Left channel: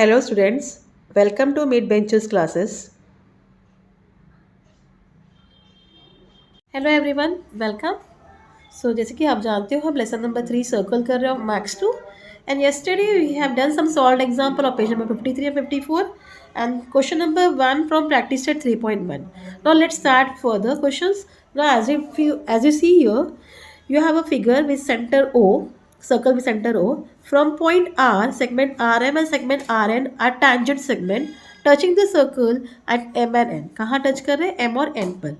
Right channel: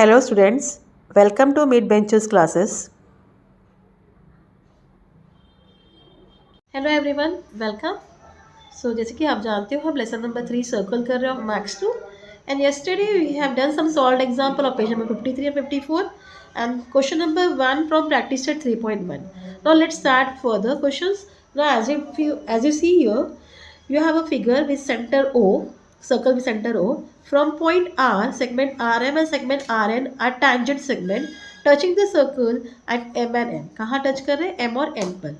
Hello students, welcome to Mid Benches classes. Hello everyone welcome. So जैसे कि आप जानते हो हम लेसन नंबर 3 सर्कल कर रहे हो maths 2 and yesterday we have done some solved example of page number 53 and 54 and question number 1 from practice set 3.1. Now let's start further questions. Now as you see here, you have a figure with center O, circle with center O. From point R, segment RM and segment RN are tangent segment touching the circle at M and N. कहाँ touch कर रहे हैं? M और N पर.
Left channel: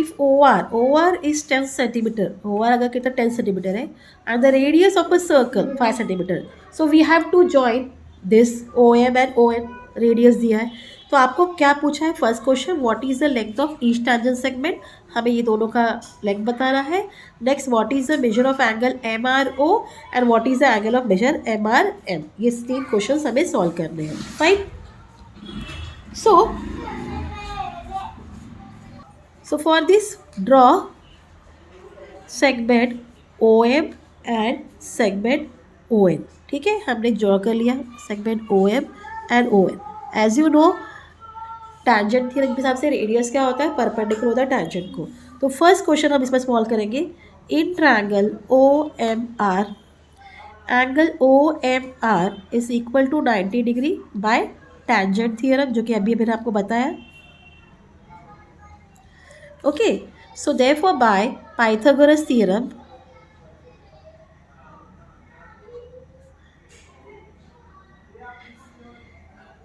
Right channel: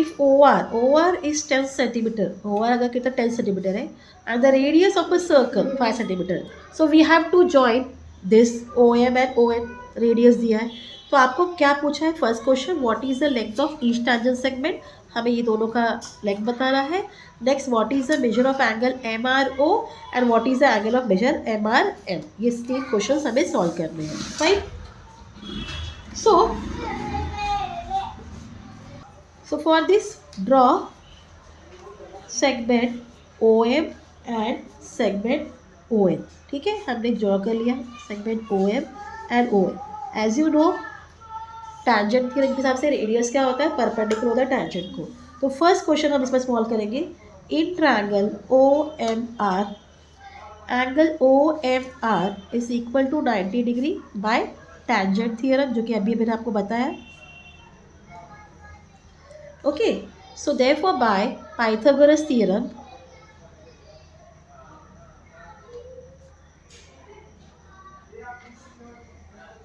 If OR is 10 centimeter, OR अगर कितना 10 centimeter है, and the radius of a circle 5 centimeter, so we have to join this OM and ON radius दिया है. तो आपको क्या पूछा है? First question, what is the length of each tangent segment, हमें ये दोनों का लेंथ बताना है. Next, what is the measure of angle MRO and what is the angle of measure MRM. ये तीन क्वेश्चन हमें सॉल्व करने हैं. Fine. So for this, draw segment OM and segment ON. ठीक है, हमने ड्रॉ कर लिया segment OM and ON. As you know, tangent theorem के हिसाब से रेडियस क्या होता है? परपेंडिकुलर होता है टैंजेंट को. तो फर्स्ट क्वेश्चन हम इसमें सॉल्व करेंगे. In triangle OMR, angle OMR is equal to 90 degree by tangent theorem, जो कि अभी मैंने आपको बताया. Okay, so therefore by Pythagoras theorem,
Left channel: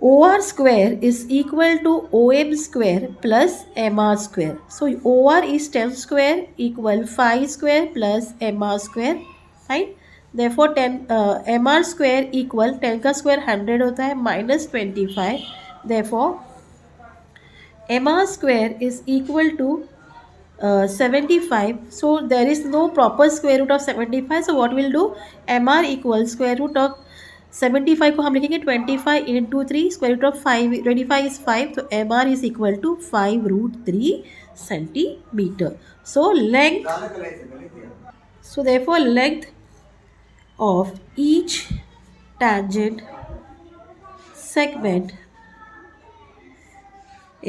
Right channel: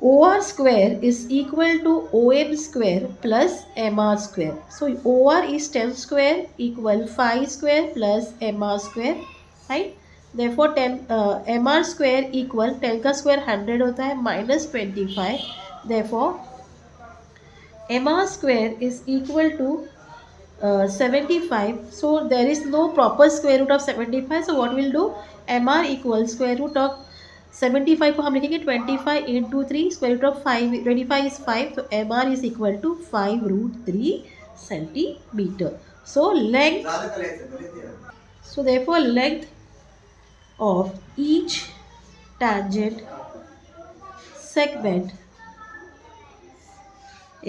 OR square is equal to OM square plus MR square. So OR is 10 square equal 5 square plus MR square, right? Therefore 10 MR square equal 10 का square 100 होता है minus 25. Therefore MR square is equal to 75. So there is no proper square root of 75. So what we'll do, MR equals square root of 75 को हम लिखेंगे 25 into 3, square root of 5, 25 is 5, so MR is equal to 5 root 3 centimeter. So therefore length of each tangent segment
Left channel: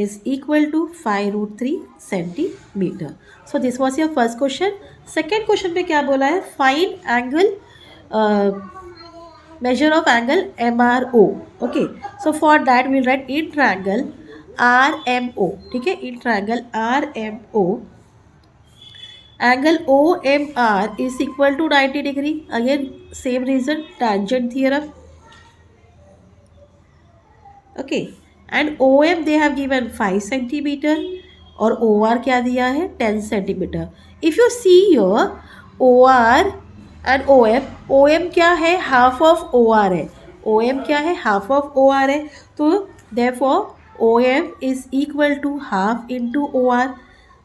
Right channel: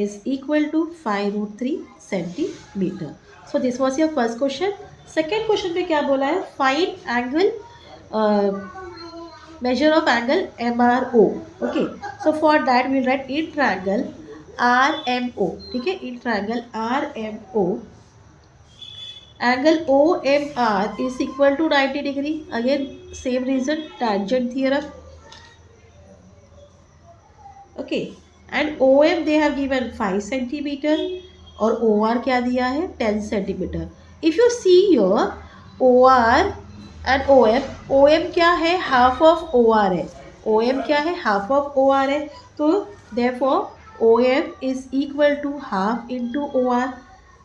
is equal to 5 root 3 centimeter. So this was your first question. Second question पे क्या बोला है? Find angle, measure of angle MRO. Okay, so for that we'll write in triangle RMO. ठीक है, in triangle RMO, angle OMR is equal to 90 degree. Again same reason, tangent theorem. Okay, and OM they have given 5 centimeter और OR क्या दिया है? 10 centimeter. If you see here, OR and OM क्या है? Half of OR है. OM क्या है? Half of OR है. तो therefore OM is equal to half into OR.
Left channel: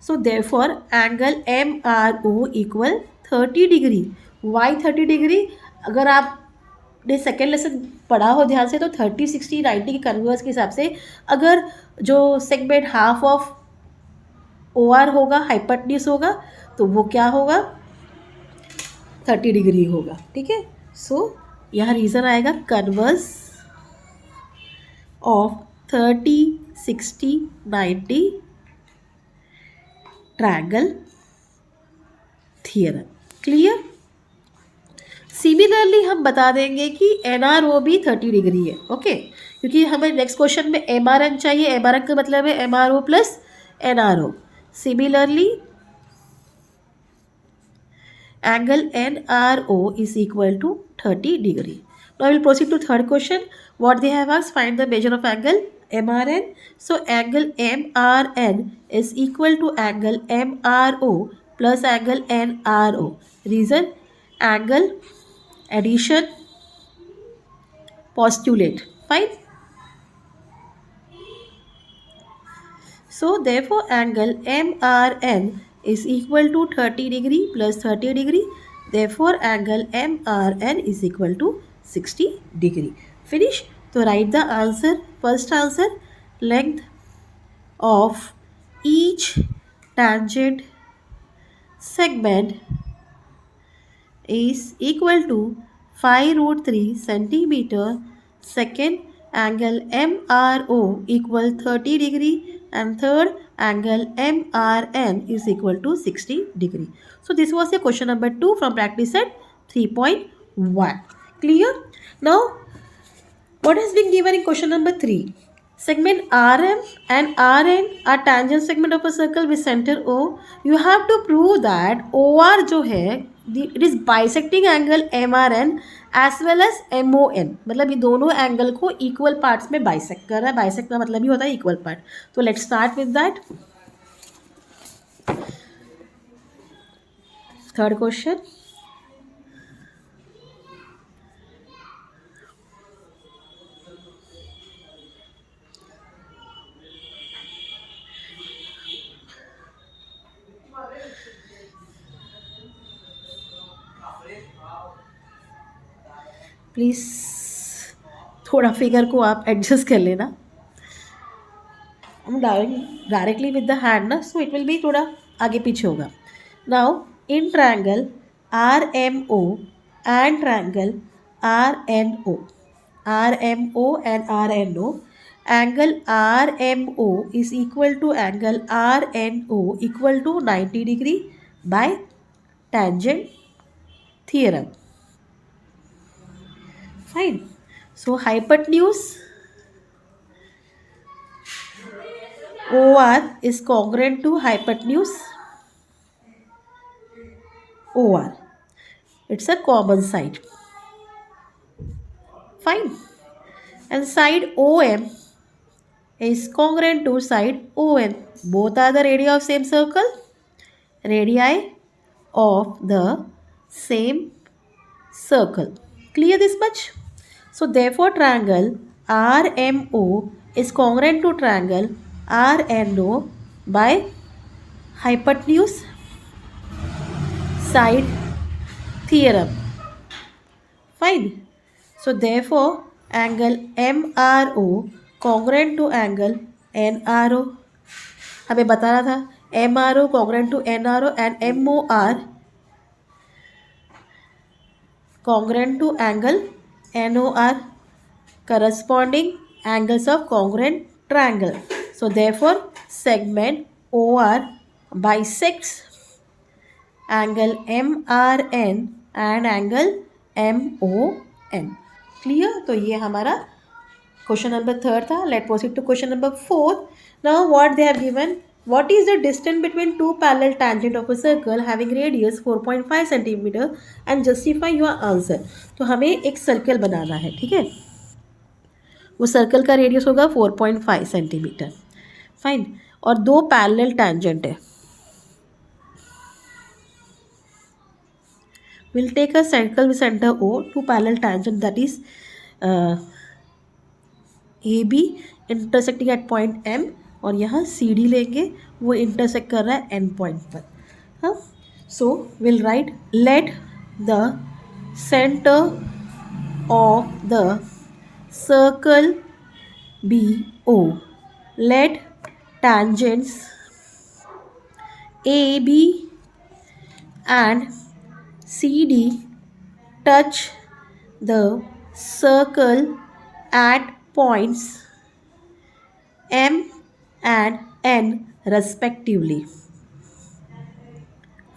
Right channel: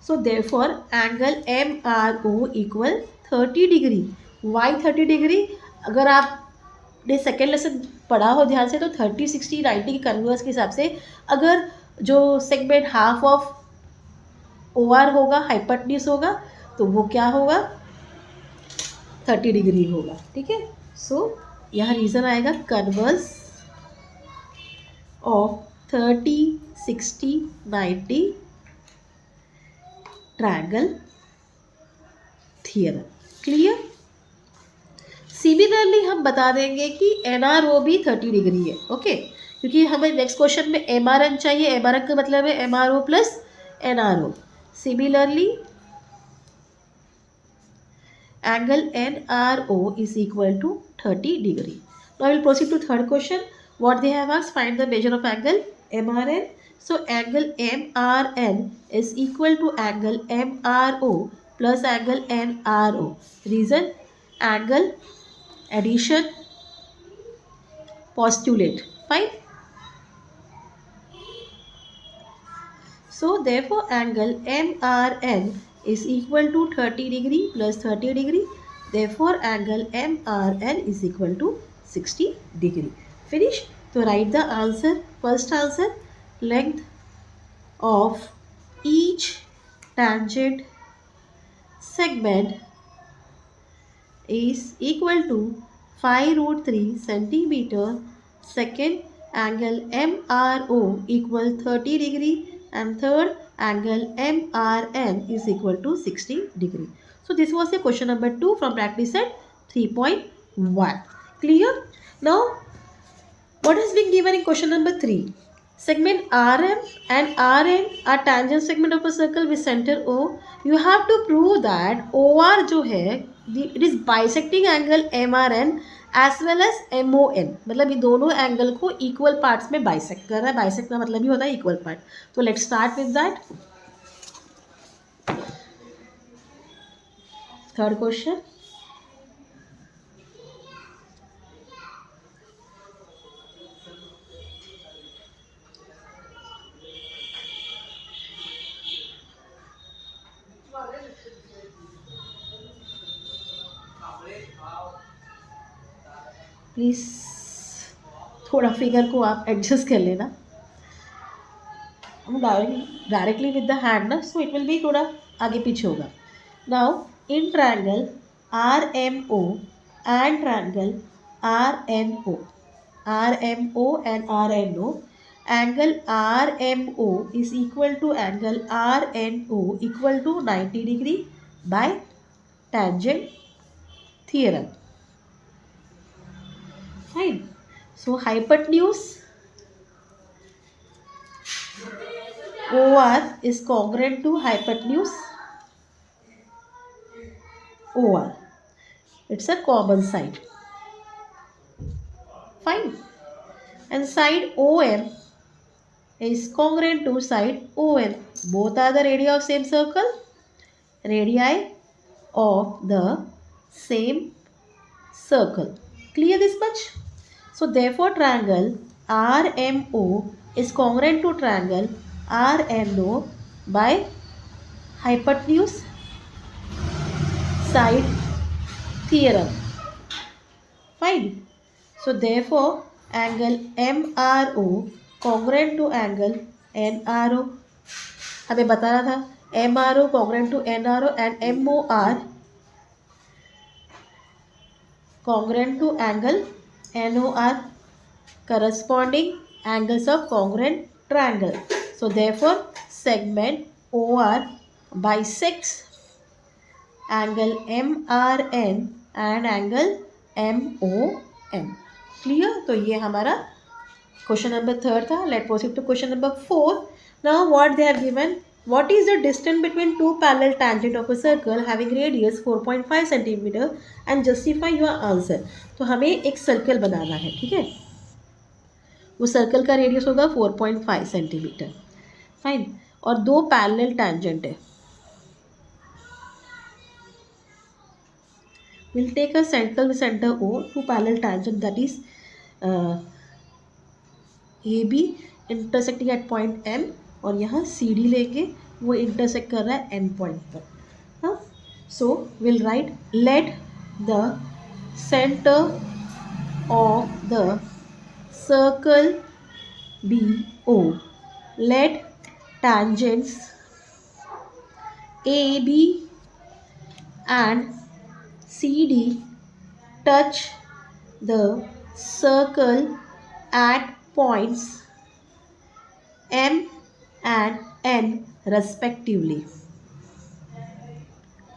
So therefore angle MRO equal 30 degree. Why 30 degree? अगर आप ने सेकेंड लेसन पढ़ा हो ध्यान से, तो 30, 60, 90 की कन्वर्स के हिसाब से अगर जो सेगमेंट हाफ ऑफ OR होगा, हाइपोटेन्यूज होगा, तो वो क्या होगा? 30 डिग्री होगा. ठीक है, सो यहाँ रीज़न आएगा converse of 30, 60, 90 triangle theorem. Clear? Similarly हम बता देंगे कि NRO भी 30 डिग्री है. ओके, क्योंकि हमें नेक्स्ट क्वेश्चन में MRN चाहिए. MRN का मतलब है MRO plus NRO. Similarly angle NRO is equal to 30 degree. Now we will proceed to third question. What they have asked, find the measure of angle MRN. So angle MRN is equal to angle MRO plus angle NRO. Reason, angle addition postulate. Fine. So therefore angle MRN is equal to 30 degree plus 30 degree. Therefore angle MRN is equal to 60 degree. Finish. So write the answer. First answer, length of each tangent segment is equal to 5√3 centimeter. Second, angle MRO equal 30 degree, and third, angle MRN is equal to 60 degree. So this was the question number 2 from practice set 3.1. Clear? Now what has been given in question number 3? Segment RM and RN are tangent segment of a circle with center O. You have to prove that OR जो है it is bisecting angle MRN as well as MON. मतलब ये दोनों angle को equal parts में bisect कर रहा है. बाइसेक्ट का मतलब ही होता है इक्वल पार्ट. तो let's start with that. Third question. Please थोड़ा फिगर को आप एडजस्ट कर लेना. हम डायरेक्टली विद द हैंड ना, सो इट विल बी थोड़ा आगे पीछे होगा. Now in triangle RMO and triangle RNO and RNO, angle RMO is equal to angle RNO equal to 90 degree by tangent theorem. Fine. So hypotenuse OR is congruent to hypotenuse OR. It's a common side. Fine. And side OM is congruent to side ON. Both are the radii of same circle. Radii of the same circle. Clear this much? So therefore triangle RMO is congruent to triangle RNO by hypotenuse side theorem. Fine. So therefore angle MRO congruent to angle NRO. हमें बताना था MRO congruent to NRO and MOR congruent to angle NOR, corresponding angles of congruent triangle. So therefore segment OR bisects angle MRN and angle MON. Clear? तो ये हमारा question number 3 था. Let proceed to question number 4. Now what they have given. What is the distance between two parallel tangent of a circle having radius 4.5 cm and justify your answer. तो हमें एक circle बनाना है. ठीक है, वो circle का radius होगा 4.5 centimetre. Fine. और दो पैरेलल टैंजेंट है. Will take a circle with centre O, two parallel tangent that is AB intersecting at point M, और यहाँ CD लेंगे, वो इंटरसेक्ट कर रहा है N पॉइंट पर. हाँ, so will write let the centre of the circle be O. Let tangents AB and CD touch the circle at points M and N respectively.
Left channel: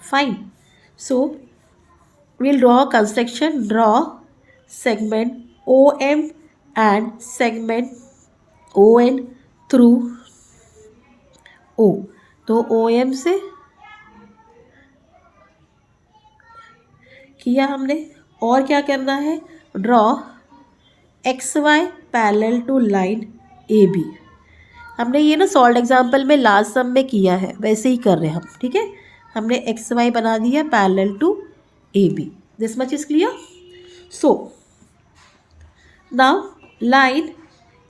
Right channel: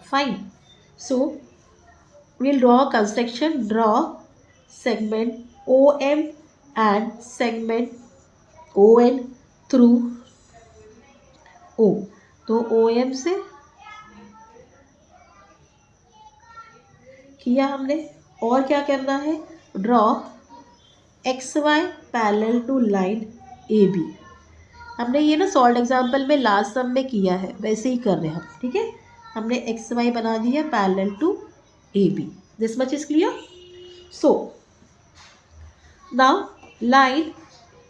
Fine. So we'll draw a construction. Draw segment OM and segment ON through O. तो OM से किया हमने. और क्या करना है. Draw XY parallel to line AB. हमने ये ना सॉल्व एग्जाम्पल में लास्ट सम में किया है, वैसे ही कर रहे हैं हम. ठीक है, हमने XY बना दिया parallel to AB. This much is clear. So now line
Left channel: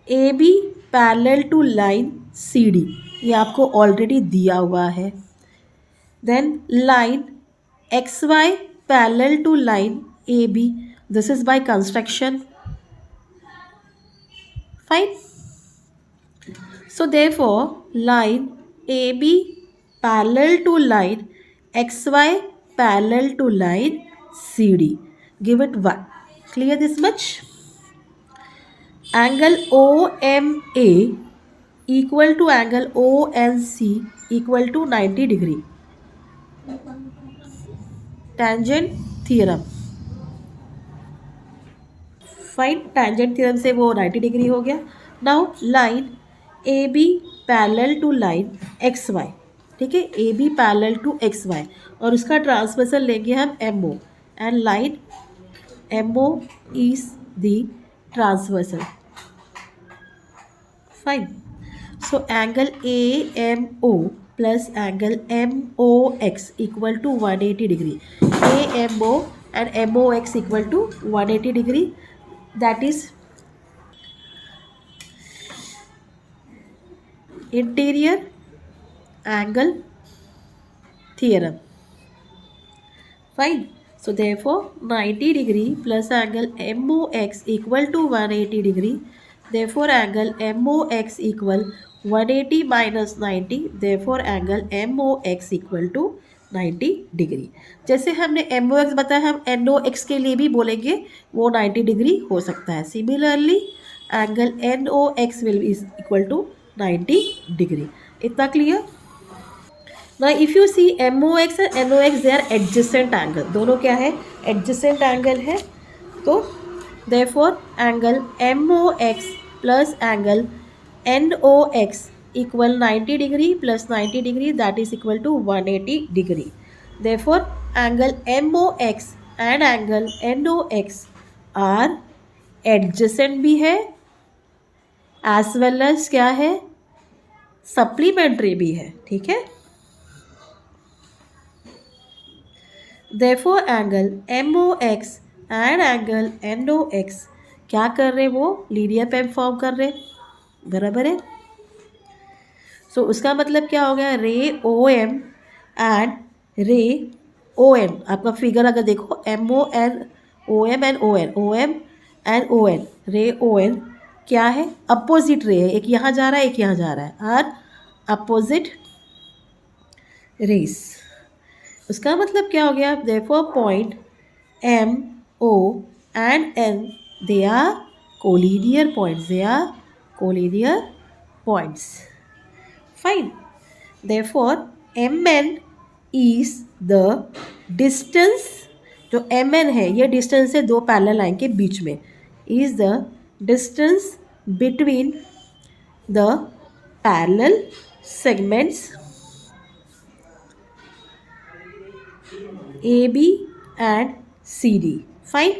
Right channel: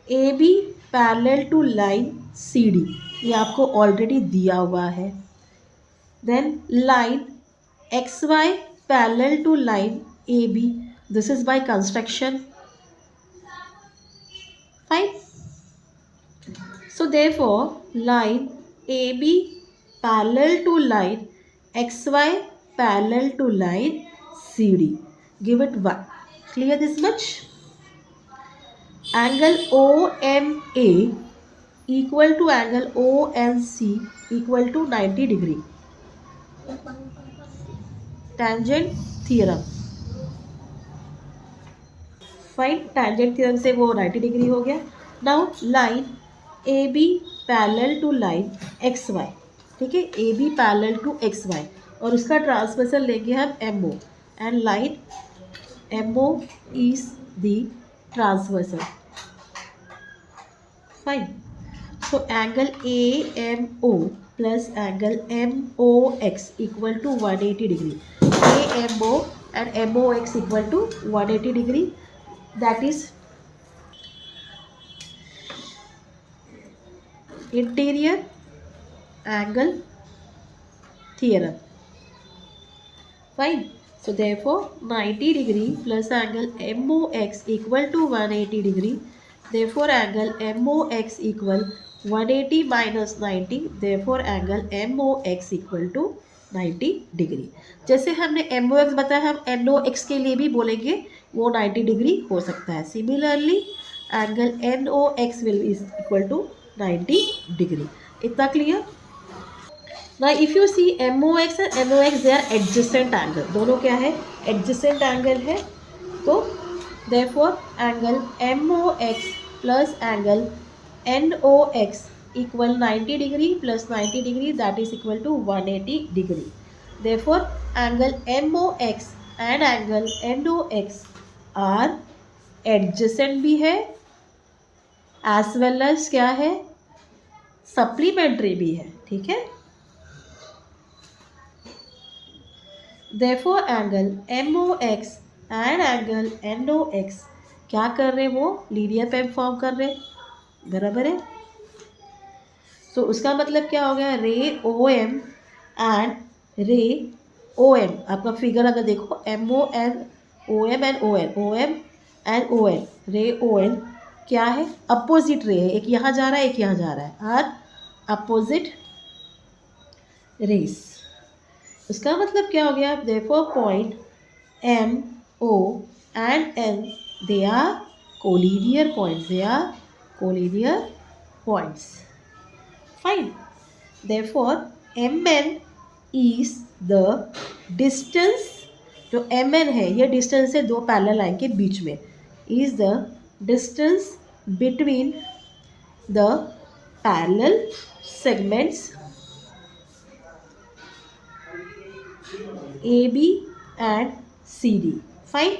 AB parallel to line CD, ये आपको ऑलरेडी दिया हुआ है. Then line XY parallel to line AB, this is by construction. Fine. So therefore line AB parallel to line XY parallel to line CD. Give it 1. Clear this much? Angle OMA equal to angle ONC equal to 90 degree. Tangent theorem. Fine, tangent theorem से वो 90 degree हो गया. Now line A B parallel to line X Y. ठीक है, A B parallel to X Y और उसका transversal लेंगे हम M O and line M O is the transversal. Fine. So angle AMO plus angle MOX equal to 180 degree. AMO and MOX equal to 180 degree. That is interior angle theorem. Fine. So therefore 90 degree plus angle MOX equal to 180 degree. Therefore angle MOX equal 180 minus 90. Therefore angle MOX equal to 90 degree. जैसे हमने MOX बताया, हम NOX के लिए भी बोलेंगे वो 90 degree हो सकता है. Similarly angle NOX will is equal to 90 degree. इतना clear? Now if you see MOX and NOX they are adjacent angle. दोनों क्या है? Adjacent angle है. तो therefore angle MOX plus angle NOX equal 90 degree plus 90 degree, that is equal to 180 degree. Therefore angle MOX and angle NOX are adjacent भी है as well as क्या है? Supplementary भी है. ठीक है. Therefore angle MOX and angle NOX क्या कर रहे? वो लीनियर पेम फॉर्म कर रहे. बराबर है. सो उसका मतलब क्या हो गया? रे ओ एम एंड रे ओ एन. आपका फिगर अगर देखो MON OM and OM and ON, रे ON क्या है? अपोजिट रे है. एक यहाँ जा रहा है, एक यहाँ जा रहा है. Are opposite rays. उसका मतलब क्या हो गया? Therefore point M O and N they are collinear points. They are collinear points. Fine. Therefore MN is the distance. जो MN है ये डिस्टेंस है दो पैरेलल लाइन के बीच में. is the distance between the parallel segments AB and CD. Fine.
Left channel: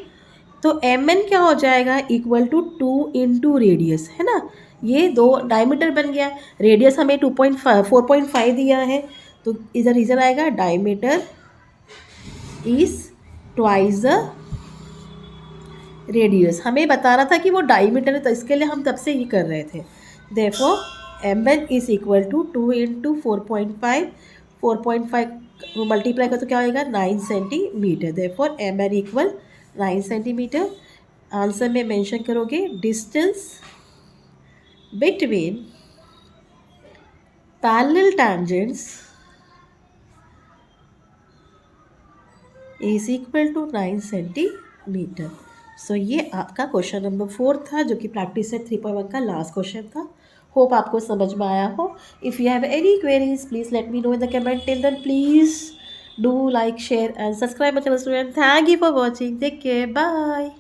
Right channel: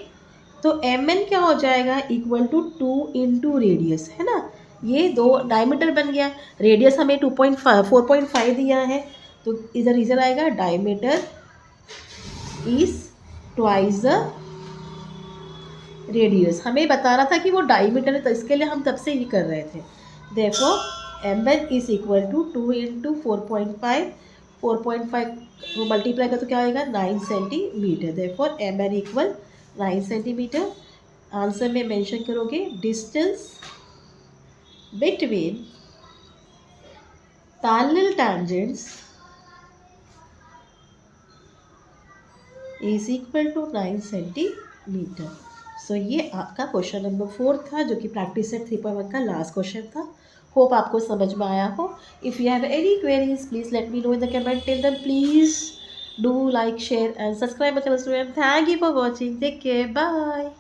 तो MN क्या हो जाएगा? इक्वल टू 2 इंटू रेडियस, है ना. ये दो डायमीटर बन गया. रेडियस हमें 4.5 दिया है, तो इधर रीजन आएगा diameter is twice the radius. हमें बताना था कि वो डायमीटर है, तो इसके लिए हम तब से ये कर रहे थे. Therefore MN is equal to 2 into 4.5. 4.5 वो मल्टीप्लाई कर तो क्या होएगा? 9 centimetre. Therefore MN equal 9 centimetre. Answer में मेंशन करोगे distance between parallel tangents is equal to 9 centimetre. So ये आपका क्वेश्चन नंबर 4 था, जो कि प्रैक्टिस सेट 3.1 का लास्ट क्वेश्चन था. होप आपको समझ में आया हो. If you have any queries please let me know in the comment. Till then please do like, share and subscribe my channel. Thank you for watching. Take care. Bye.